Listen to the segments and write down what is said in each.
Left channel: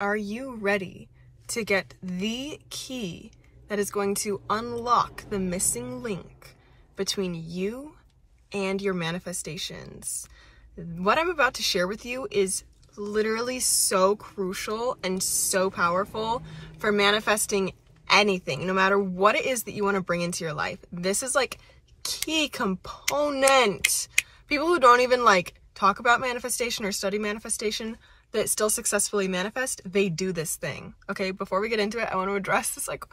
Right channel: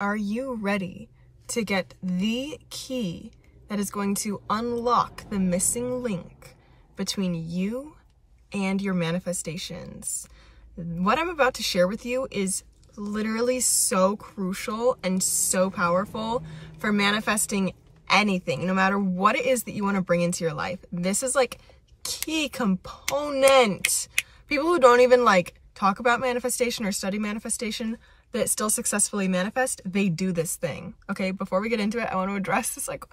Are you ready to get the key that is going to unlock the missing link between you and your manifestations? What I'm about to share with you is literally so crucial and so powerful for manifesting anything, no matter what it is that you want to bring into your life. This is like key component. People who don't even like talk about manifestation or study manifestation that still successfully manifest, they do this thing. Okay, before we get into it, I want to address this like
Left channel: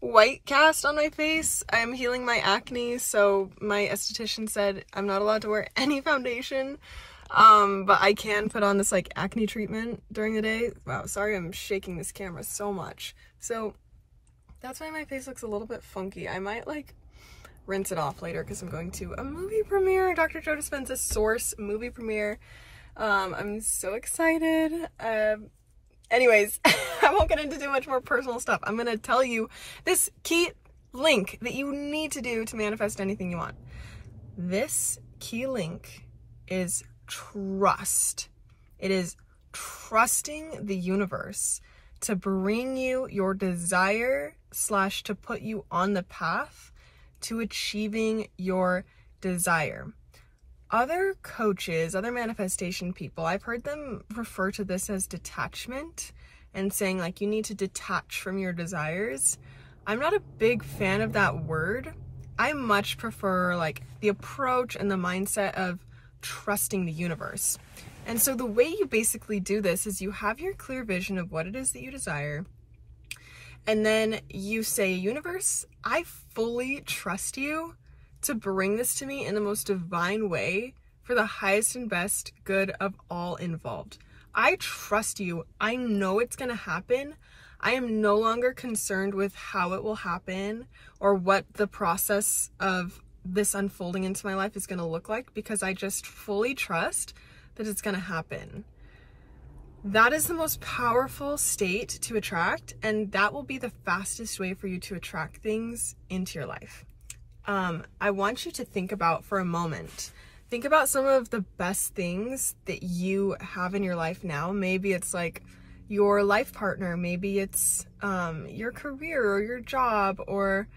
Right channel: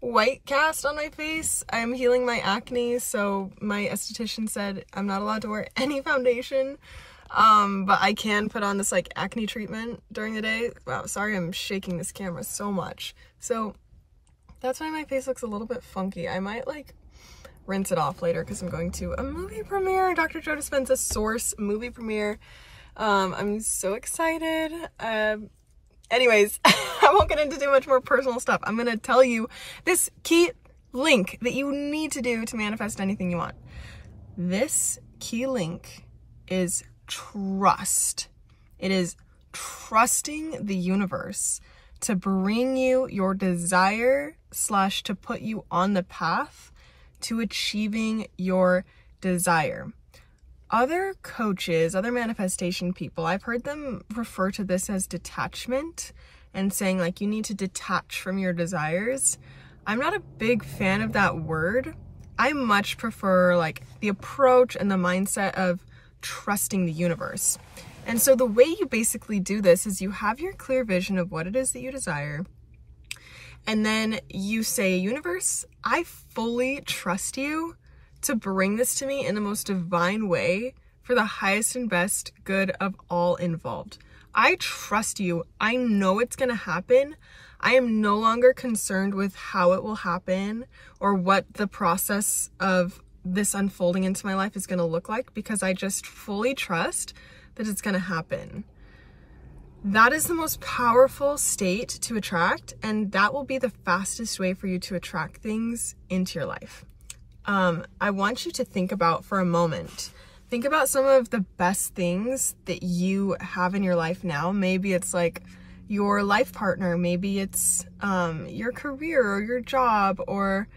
white cast on my face. I'm healing my acne, so my esthetician said I'm not allowed to wear any foundation, but I can put on this like acne treatment during the day. Wow, sorry I'm shaking this camera so much. So that's why my face looks a little bit funky. I might like rinse it off later because I'm going to a movie premiere, Dr. Joe Dispenza's Source movie premiere. I'm so excited. Anyways, I won't get into too much more personal stuff. I'm going to tell you this key link that you need to do to manifest anything you want. This key link is trust. It is trusting the universe to bring you your desire / to put you on the path to achieving your desire. Other coaches, other manifestation people, I've heard them refer to this as detachment and saying like you need to detach from your desires. I'm not a big fan of that word. I much prefer like the approach and the mindset of trusting the universe. And so the way you basically do this is you have your clear vision of what it is that you desire. And then you say, universe, I fully trust you to bring this to me in the most divine way for the highest and best good of all involved. I trust you. I know it's going to happen. I am no longer concerned with how it will happen or what the process of this unfolding into my life is going to look like, because I just fully trust that it's going to happen. That is the most powerful state to attract, and that will be the fastest way for you to attract things into your life. I want you to think about for a moment. Think about some of the best things that you have in your life now. Maybe it's like your life partner. Maybe it's your career or your job or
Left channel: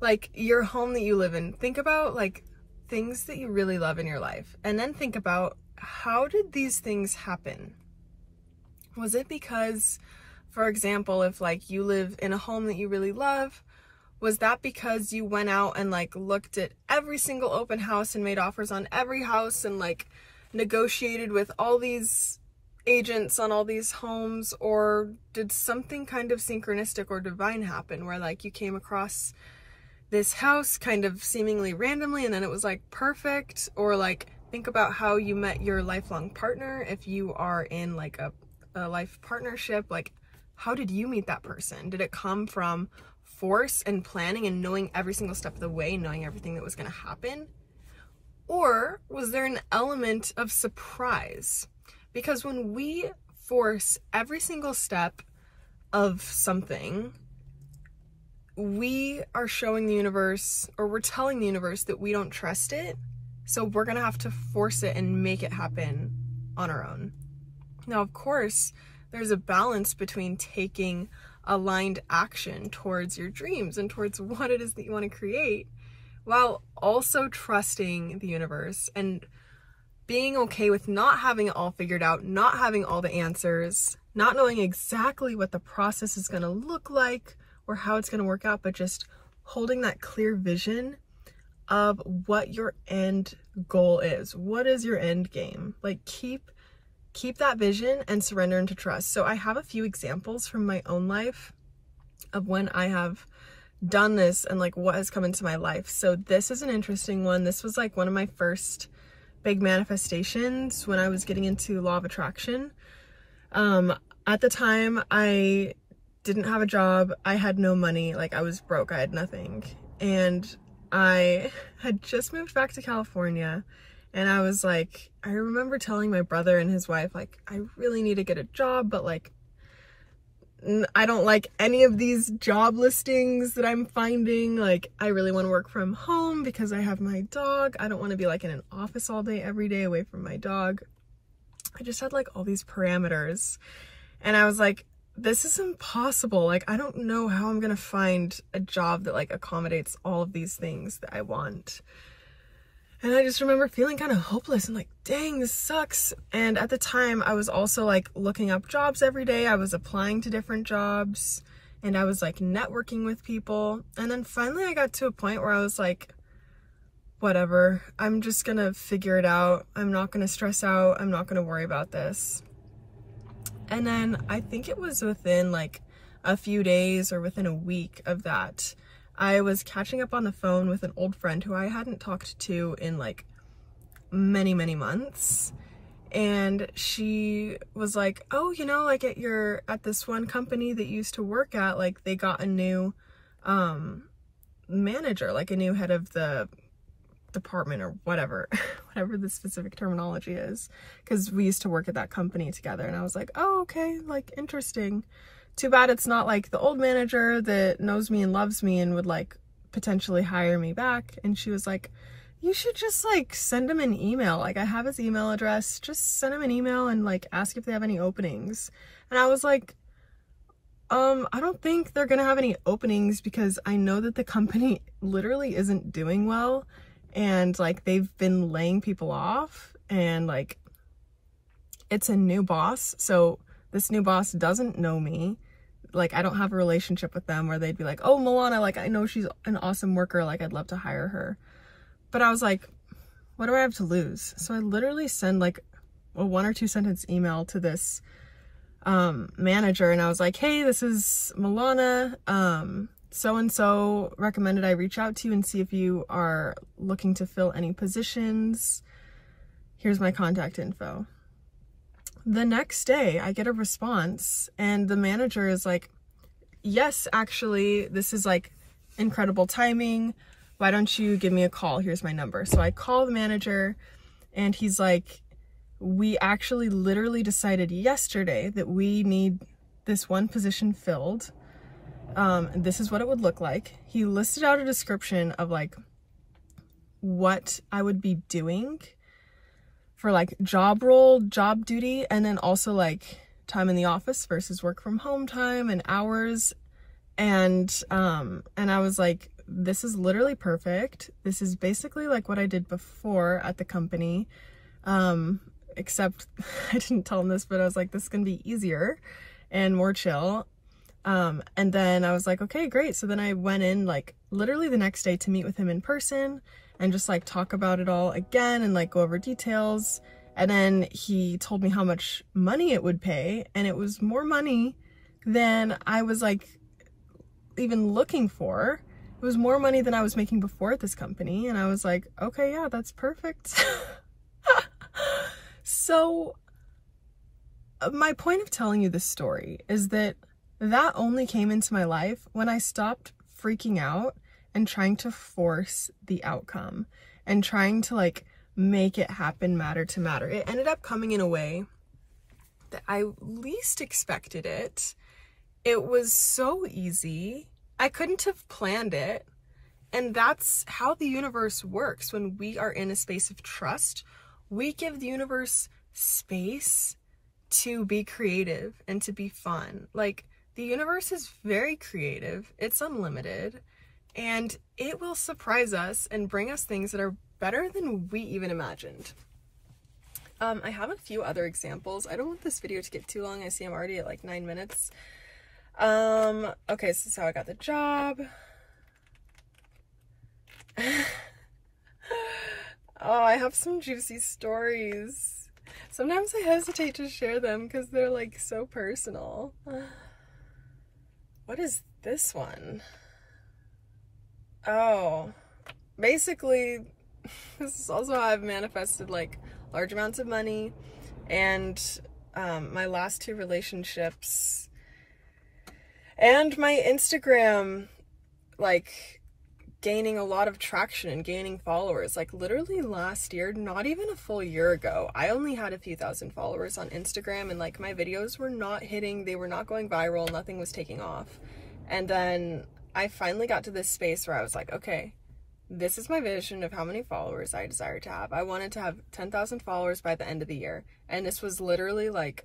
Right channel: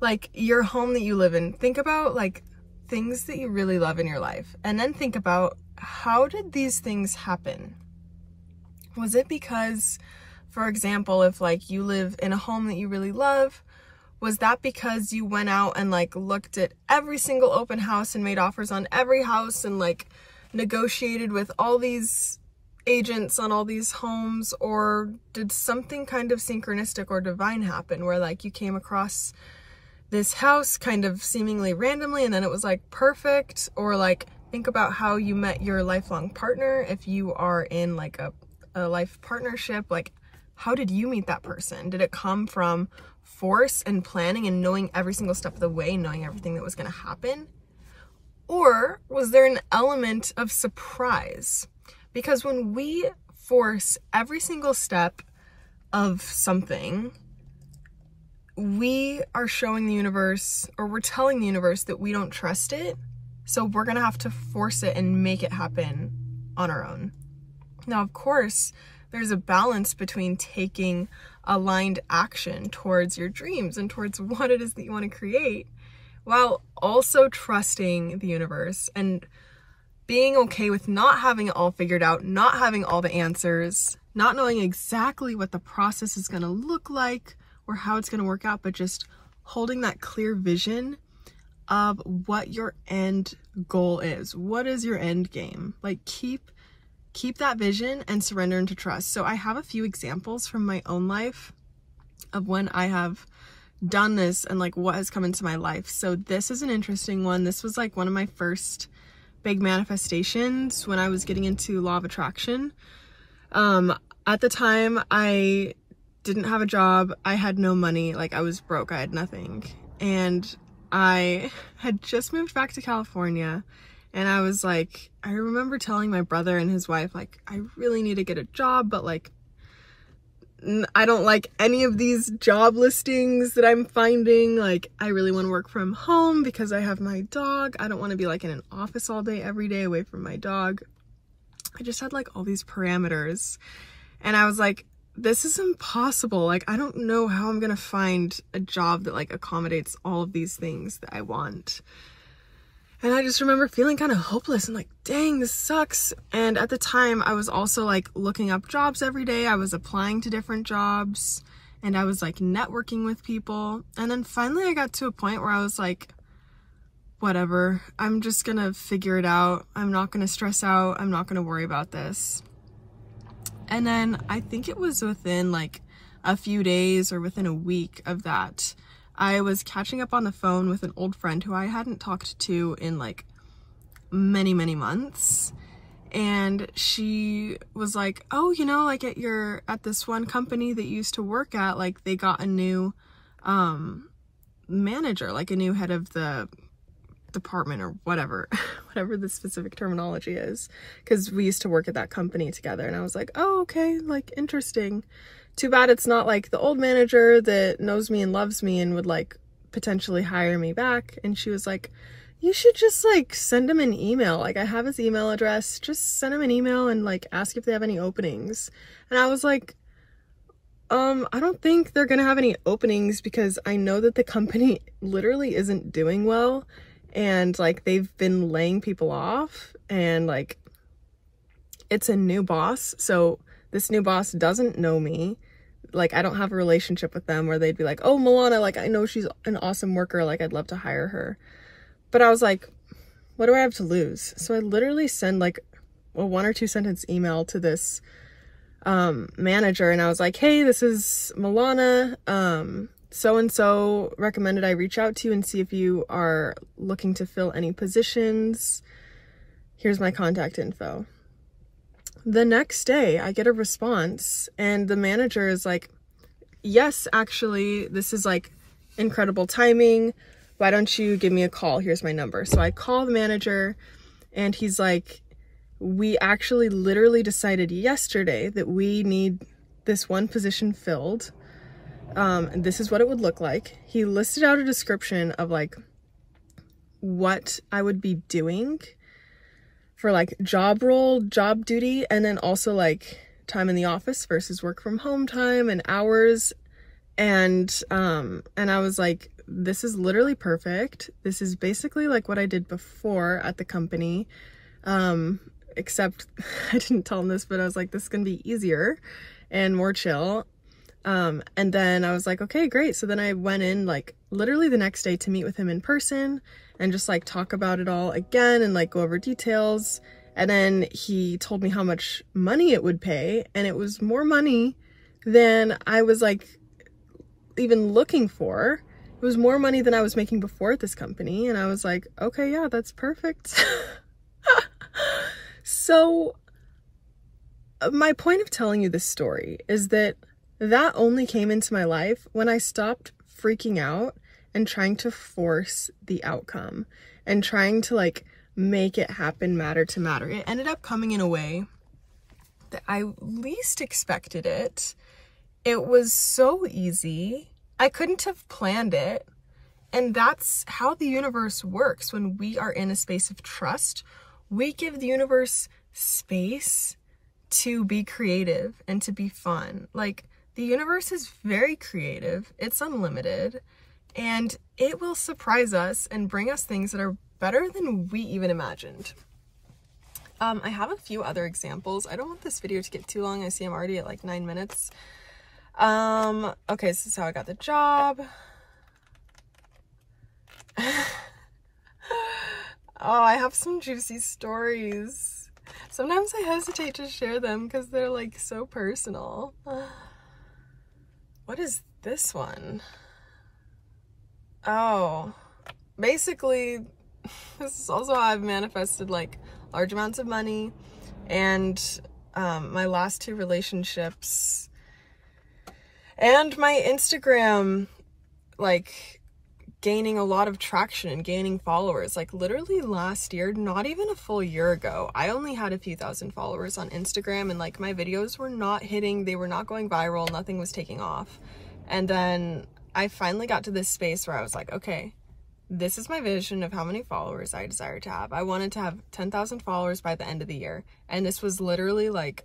like your home that you live in. Think about like things that you really love in your life. And then think about, how did these things happen? Was it because, for example, if like you live in a home that you really love, was that because you went out and like looked at every single open house and made offers on every house and like negotiated with all these agents on all these homes? Or did something kind of synchronistic or divine happen where like you came across this house kind of seemingly randomly and then it was like perfect? Or like think about how you met your lifelong partner. If you are in like a life partnership, like how did you meet that person? Did it come from force and planning and knowing every single step of the way, knowing everything that was going to happen? Or was there an element of surprise? Because when we force every single step of something, we are showing the universe, or we're telling the universe that we don't trust it. So we're going to have to force it and make it happen on our own. Now, of course, there's a balance between taking aligned action towards your dreams and towards what it is that you want to create, while also trusting the universe and being okay with not having it all figured out, not having all the answers, not knowing exactly what the process is going to look like or how it's going to work out, but just holding that clear vision of what your end goal is. What is your end game? Like keep that vision and surrender into trust. So I have a few examples from my own life of when I have done this and like what has come into my life. So this is an interesting one. This was like one of my first big manifestations when I was getting into law of attraction. At the time I didn't have a job. I had no money. Like I was broke. I had nothing. And I had just moved back to California. And I was like, I remember telling my brother and his wife, like, I really need to get a job, but like, I don't like any of these job listings that I'm finding. Like, I really want to work from home because I have my dog. I don't want to be like in an office all day, every day away from my dog. I just had like all these parameters. And I was like, this is impossible. Like, I don't know how I'm gonna find a job that like accommodates all of these things that I want. And I just remember feeling kind of hopeless and like, dang, this sucks. And at the time I was also like looking up jobs every day. I was applying to different jobs and I was like networking with people. And then finally I got to a point where I was like, whatever, I'm just gonna figure it out. I'm not gonna stress out. I'm not gonna worry about this. And then I think it was within like a few days or within a week of that, I was catching up on the phone with an old friend who I hadn't talked to in like many months. And she was like, oh, you know, like at this one company that you used to work at, like they got a new manager, like a new head of the department or whatever the specific terminology is, because we used to work at that company together. And I was like, oh, okay, like interesting. Too bad it's not like the old manager that knows me and loves me and would like potentially hire me back. And she was like, you should just like send him an email. Like I have his email address, just send him an email and like ask if they have any openings. And I was like, I don't think they're gonna have any openings because I know that the company literally isn't doing well. And like they've been laying people off and like it's a new boss. So this new boss doesn't know me. Like I don't have a relationship with them where they'd be like, oh, Milana, like I know she's an awesome worker. Like I'd love to hire her. But I was like, what do I have to lose? So I literally send like a 1 or 2 sentence email to this manager. And I was like, hey, this is Milana. So-and-so recommended I reach out to you and see if you are looking to fill any positions. Here's my contact info. The next day I get a response and the manager is like, yes, actually, this is like incredible timing. Why don't you give me a call? Here's my number. So I call the manager and he's like, we actually literally decided yesterday that we need this one position filled. And this is what it would look like. He listed out a description of like what I would be doing for like job role, job duty, and then also like time in the office versus work from home time and hours. And I was like, this is literally perfect. This is basically like what I did before at the company. Except I didn't tell him this, but I was like, this is gonna be easier and more chill. And then I was like, okay, great. So then I went in like literally the next day to meet with him in person and just like talk about it all again and like go over details. And then he told me how much money it would pay, and it was more money than I was like even looking for. It was more money than I was making before at this company. And I was like, okay, yeah, that's perfect. So my point of telling you this story is that only came into my life when I stopped freaking out and trying to force the outcome and trying to like make it happen matter to matter. It ended up coming in a way that I least expected it. It was so easy. I couldn't have planned it. And that's how the universe works. When we are in a space of trust, we give the universe space to be creative and to be fun. Like, the universe is very creative. It's unlimited, and it will surprise us and bring us things that are better than we even imagined. I have a few other examples. I don't want this video to get too long. I see I'm already at like 9 minutes. Okay, this is how I got the job. Oh, I have some juicy stories. Sometimes I hesitate to share them because they're like so personal. What is this one? Oh, basically, this is also how I've manifested like large amounts of money, and my last 2 relationships, and my Instagram, like, gaining a lot of traction and gaining followers. Like, literally last year, not even a full year ago, I only had a few thousand followers on Instagram, and like my videos were not hitting, they were not going viral, nothing was taking off. And then I finally got to this space where I was like, okay, this is my vision of how many followers I desire to have. I wanted to have 10,000 followers by the end of the year. And this was literally like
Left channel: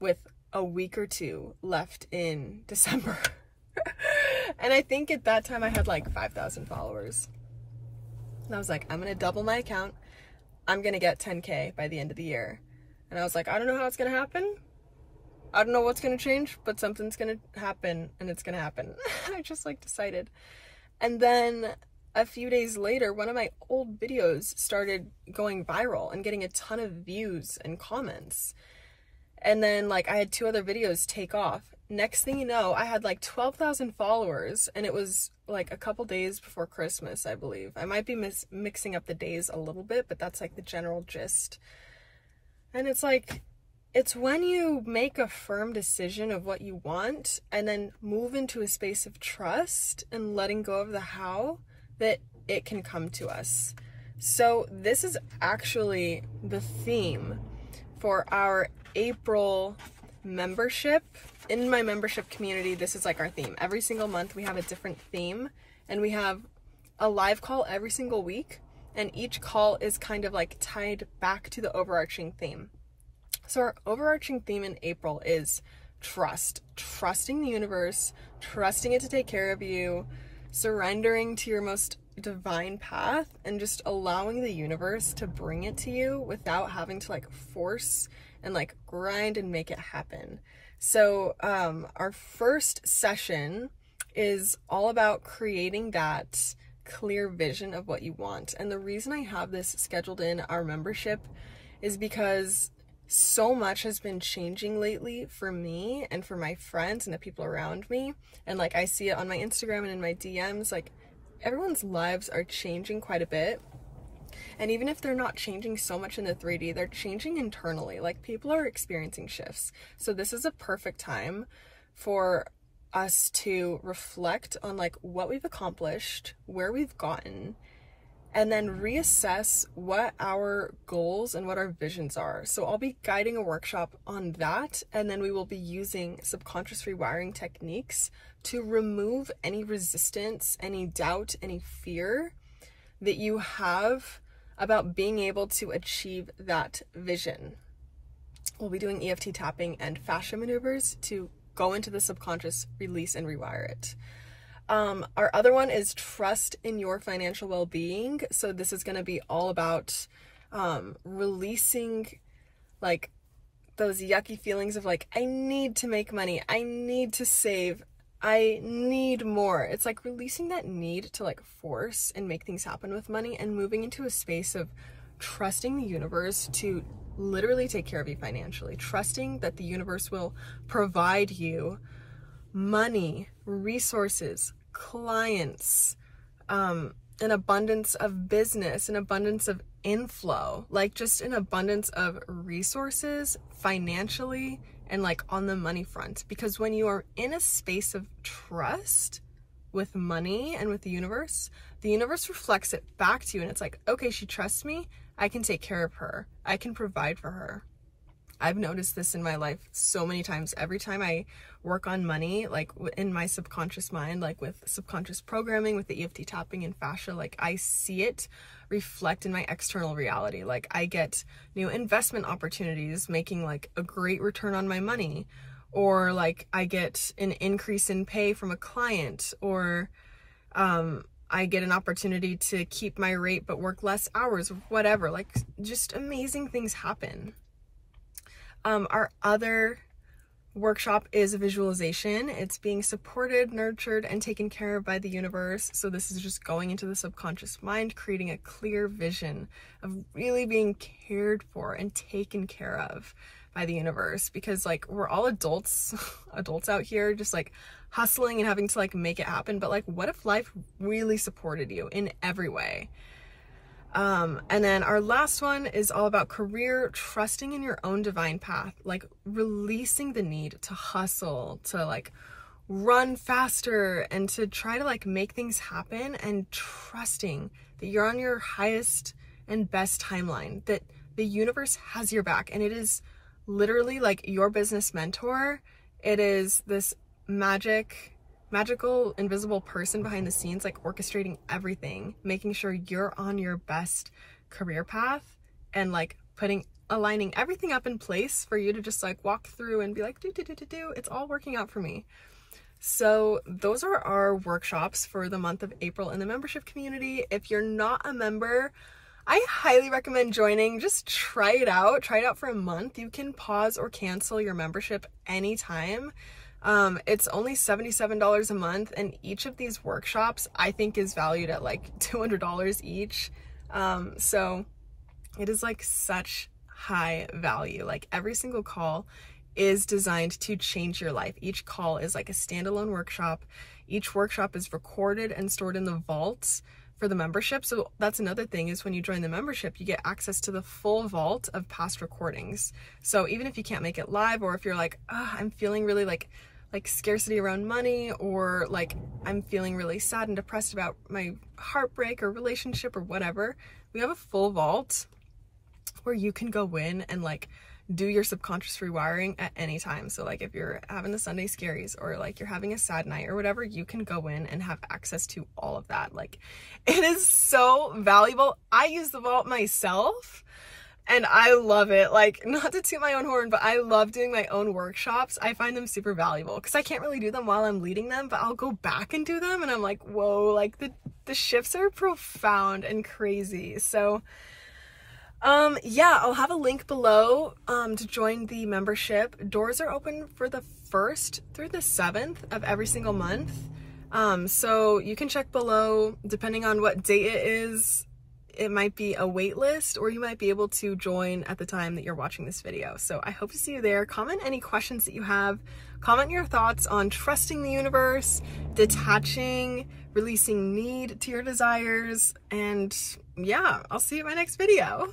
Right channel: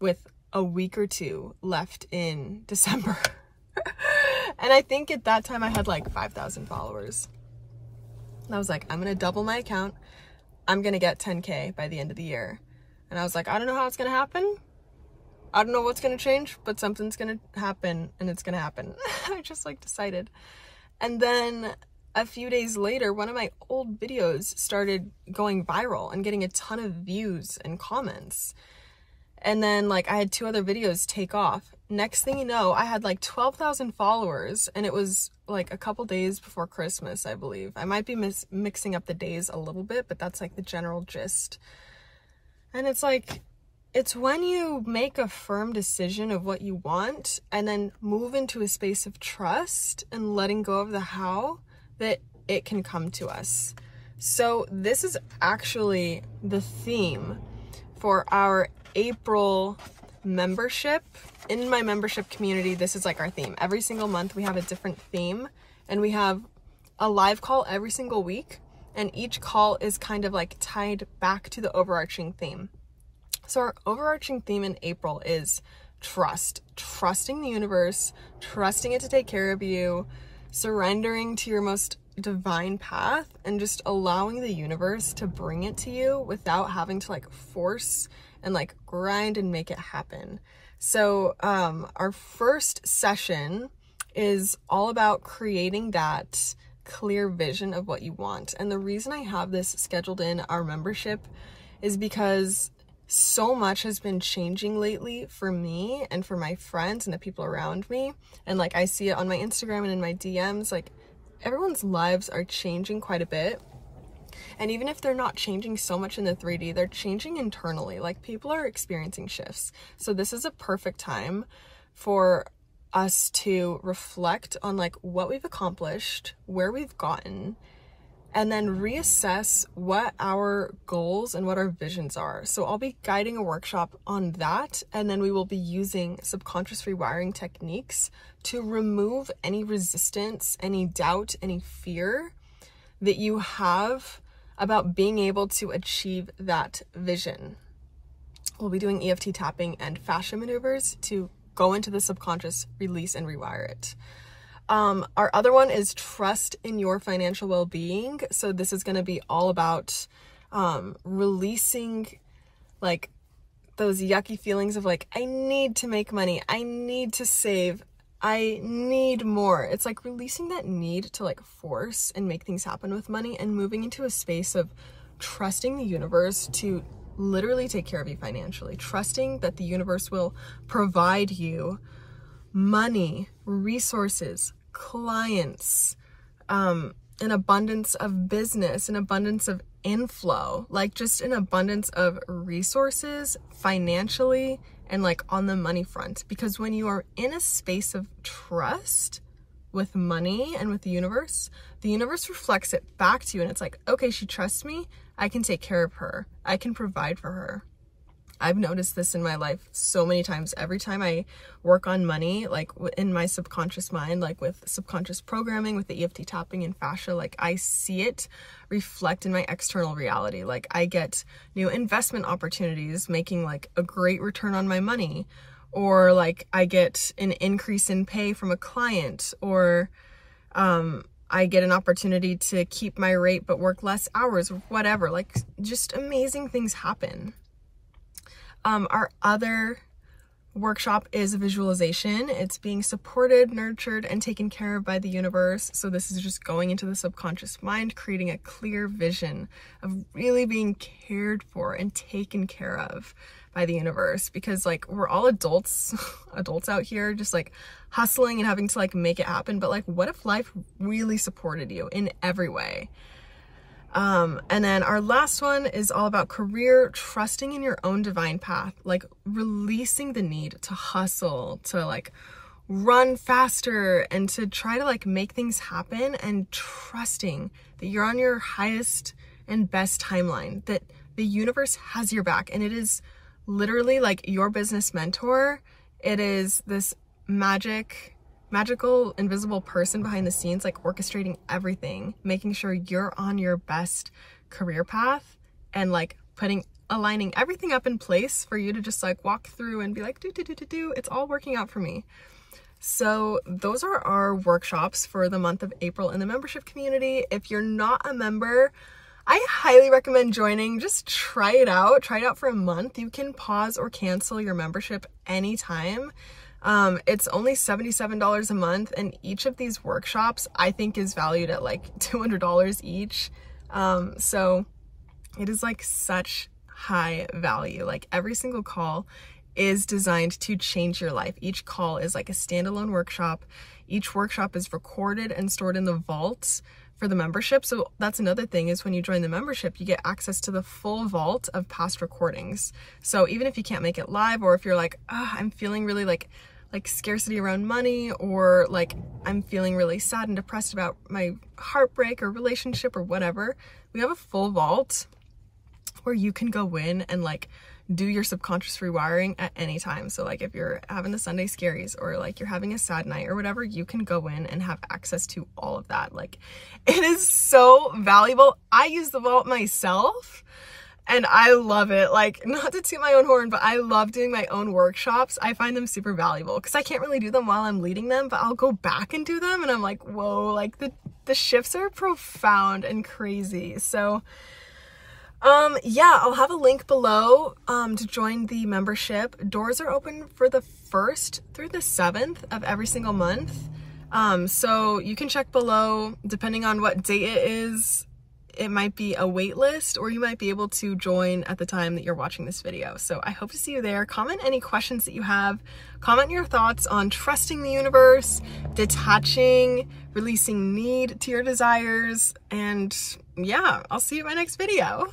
with a week or two left in December. And I think at that time I had like 5,000 followers. And I was like, I'm going to double my account. I'm going to get 10K by the end of the year. And I was like, I don't know how it's going to happen. I don't know what's going to change, but something's going to happen, and it's going to happen. I just like decided. And then a few days later, one of my old videos started going viral and getting a ton of views and comments. And then like I had 2 other videos take off. Next thing you know, I had like 12,000 followers, and it was like a couple days before Christmas, I believe. I might be mixing up the days a little bit, but that's like the general gist. And it's like, it's when you make a firm decision of what you want and then move into a space of trust and letting go of the how that it can come to us. So this is actually the theme for our April membership. In my membership community, this is like our theme. Every single month we have a different theme, and we have a live call every single week, and each call is kind of like tied back to the overarching theme. So our overarching theme in April is trust. Trusting the universe, trusting it to take care of you, surrendering to your most divine path, and just allowing the universe to bring it to you without having to like force and like grind and make it happen. So our first session is all about creating that clear vision of what you want. And the reason I have this scheduled in our membership is because so much has been changing lately for me and for my friends and the people around me. And like I see it on my Instagram and in my DMs, like everyone's lives are changing quite a bit. And even if they're not changing so much in the 3D, they're changing internally. Like people are experiencing shifts. So this is a perfect time for us to reflect on like what we've accomplished, where we've gotten, and then reassess what our goals and what our visions are. So I'll be guiding a workshop on that, and then we will be using subconscious rewiring techniques to remove any resistance, any doubt, any fear that you have about being able to achieve that vision. We'll be doing EFT tapping and fascia maneuvers to go into the subconscious, release and rewire it. Our other one is trust in your financial well-being. So this is going to be all about releasing like those yucky feelings of like, I need to make money, I need to save, I need more. It's like releasing that need to like force and make things happen with money, and moving into a space of trusting the universe to literally take care of you financially, trusting that the universe will provide you money, resources, clients, an abundance of business, an abundance of inflow, like just an abundance of resources financially and like on the money front. Because when you are in a space of trust with money and with the universe reflects it back to you, and it's like, okay, she trusts me, I can take care of her, I can provide for her. I've noticed this in my life so many times. Every time I work on money, like in my subconscious mind, like with subconscious programming, with the EFT tapping and fascia, like I see it reflect in my external reality. Like I get new investment opportunities, making like a great return on my money, or like I get an increase in pay from a client, or I get an opportunity to keep my rate but work less hours, or whatever. Like just amazing things happen. Our other workshop is visualization. It's being supported, nurtured, and taken care of by the universe. So this is just going into the subconscious mind, creating a clear vision of really being cared for and taken care of by the universe. Because like we're all adults out here just like hustling and having to like make it happen. But like, what if life really supported you in every way? And then our last one is all about career, trusting in your own divine path, like releasing the need to hustle, to like run faster and to try to like make things happen, and trusting that you're on your highest and best timeline, that the universe has your back. And it is literally like your business mentor. It is this magical, invisible person behind the scenes, like orchestrating everything, making sure you're on your best career path and like putting aligning everything up in place for you to just like walk through and be like, it's all working out for me. So those are our workshops for the month of April in the membership community. If you're not a member, I highly recommend joining. Just try it out for a month. You can pause or cancel your membership anytime. It's only $77 a month, and each of these workshops I think is valued at like $200 each. So it is like such high value. Like every single call is designed to change your life. Each call is like a standalone workshop. Each workshop is recorded and stored in the vault for the membership. So that's another thing, is when you join the membership, you get access to the full vault of past recordings. So even if you can't make it live, or if you're like, oh, I'm feeling really like scarcity around money, or like I'm feeling really sad and depressed about my heartbreak or relationship or whatever, we have a full vault where you can go in and like do your subconscious rewiring at any time. So like if you're having the Sunday scaries, or like you're having a sad night or whatever, you can go in and have access to all of that. Like it is so valuable. I use the vault myself and I love it. Like, not to toot my own horn, but I love doing my own workshops. I find them super valuable because I can't really do them while I'm leading them, but I'll go back and do them and I'm like, whoa, like the shifts are profound and crazy. So yeah, I'll have a link below to join the membership. Doors are open for the 1st through the 7th of every single month. So you can check below, depending on what date it is. It might be a wait list, or you might be able to join at the time that you're watching this video. So I hope to see you there. Comment any questions that you have. Comment your thoughts on trusting the universe, detaching, releasing need to your desires. And yeah, I'll see you in my next video.